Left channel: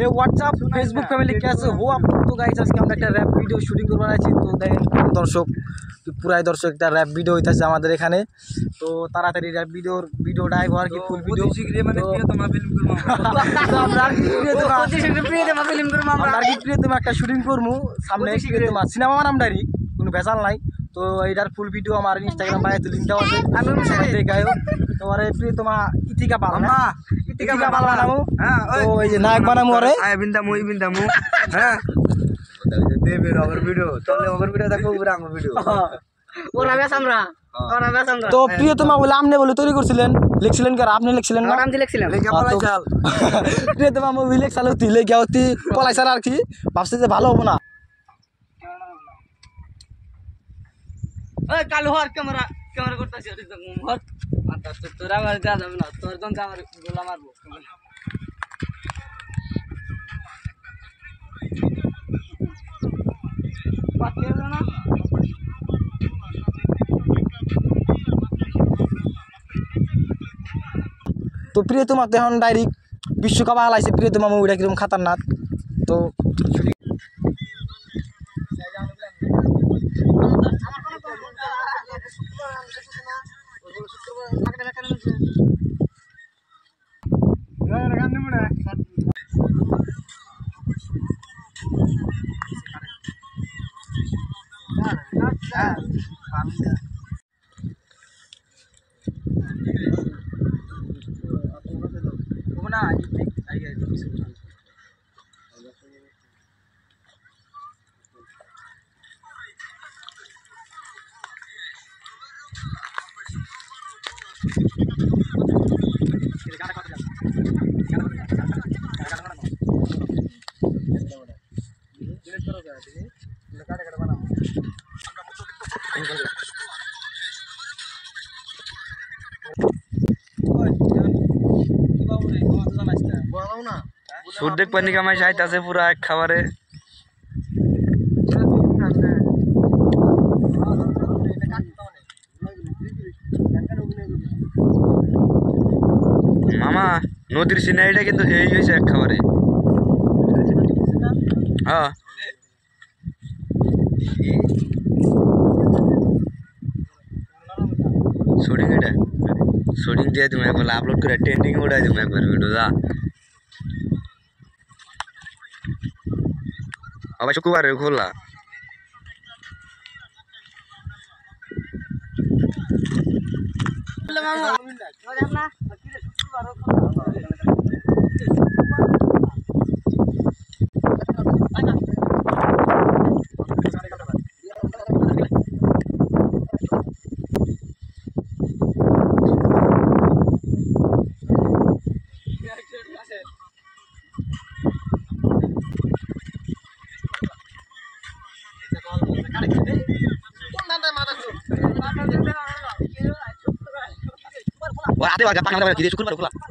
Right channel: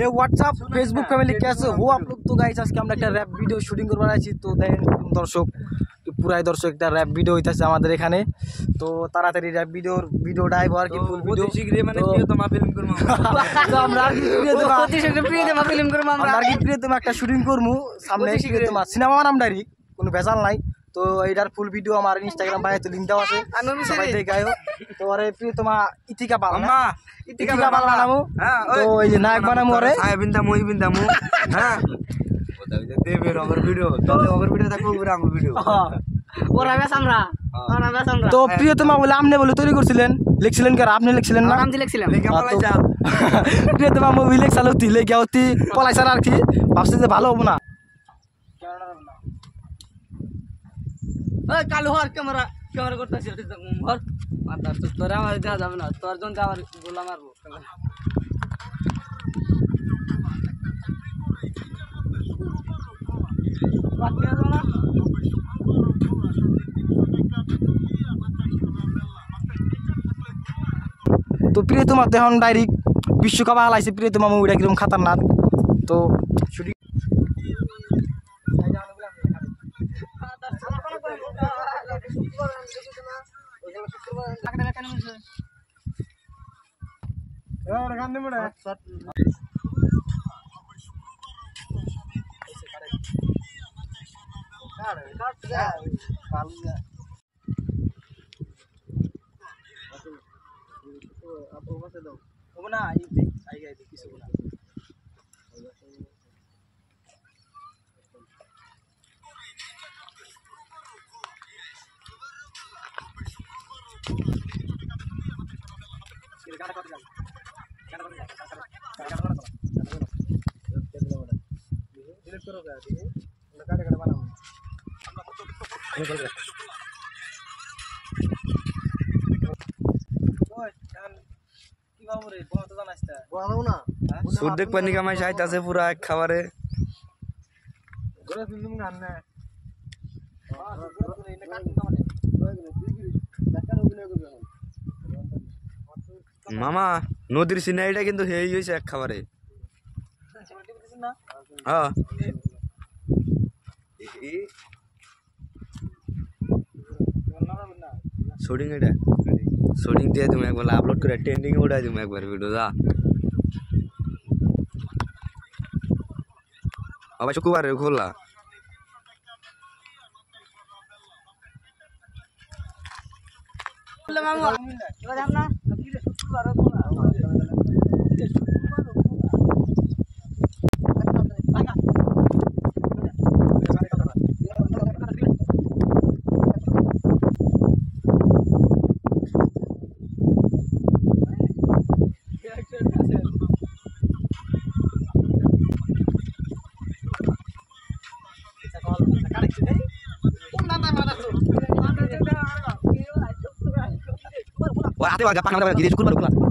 ये WhatsApp Facebook family कैसे हो आप लोग। तो गाइस আজকে আমরা একটা র‍্যাপ ভিডিও শুটিং করব আছি। তো দেখেন দর্শক পুরাই দর্শক একটা র‍্যাপ ভিডিও হইতাছে আমাদের এখানে। তো তাড়াতাড়ি র‍্যাপ ভিডিওটা আইব আর কি ফুল ভিডিও মানে প্রিয়তমা ফিল্ম করব। তো আমরা আর কি প্রিয়তমা ফিল্ম করব। আমরা আর কি প্রিয়তমা একটা শুটিং করব সামনে প্রিয়তমা সিনেমা নামটারই কোনো ভেজাল নাই। তো এইটার ফুল ভিডিও আমার ইনস্টাগ্রাম পায়ে তো লিংক দেওয়া আছে, আমি সবাই দেখায়ও। তো আরে প্রিয়তমা ইতিকা বাংলা ইতিকা বাংলা নামু। তো এই যে নায়ক বানামু আরে আয় বিন্দা মই বিন্দা মু। হ্যাঁ দেবের ওভার ভিডিও চলে, ওভার ভিডিও দেখো পুরো আমার ভিডিও ওরা বেশ আমরা তো প্রিয়তমা বলে আপনি বলে তৈরি করছিলেন, লিখছিলেন কি আর আপনি লিখছিলেন না? আমি লিখছিলাম লেখা পলাই চাল প্রিয়তমা মুভি লেখছাল হতি লেখা হতি পলাই স্যার আর কি ভাবছে যে ভালো হবে না। ওই কালু হর ক্যামেরা করতেছি হর মাথা তো তোরা আমার যা যাবে না, তোর জন যাওয়ার গোলা মারবো ক্যামেরা। তো প্রিয়তমা এখন ডাইরেক্ট বিশ্বকাপ হালাইছে প্রিয়তমা মুভিটা কিরকম খাতারনাক। তো সুর দেখ পানি কামাই চাইতেছে পুরা এক খাবারে। মামা নদীর সিনারিটা কিন্তু হেই হয়েছে এক খাবারে। হ্যাঁ শুটিং এটা শুটিং দিয়ে তুমি একবার আপলোড করে ট্রেন্ডিং উঠাই তুমি একবার ভিডিও যা আবার শুক্রবার খোলা। Wah, ada warga pangan ada gini cukup baru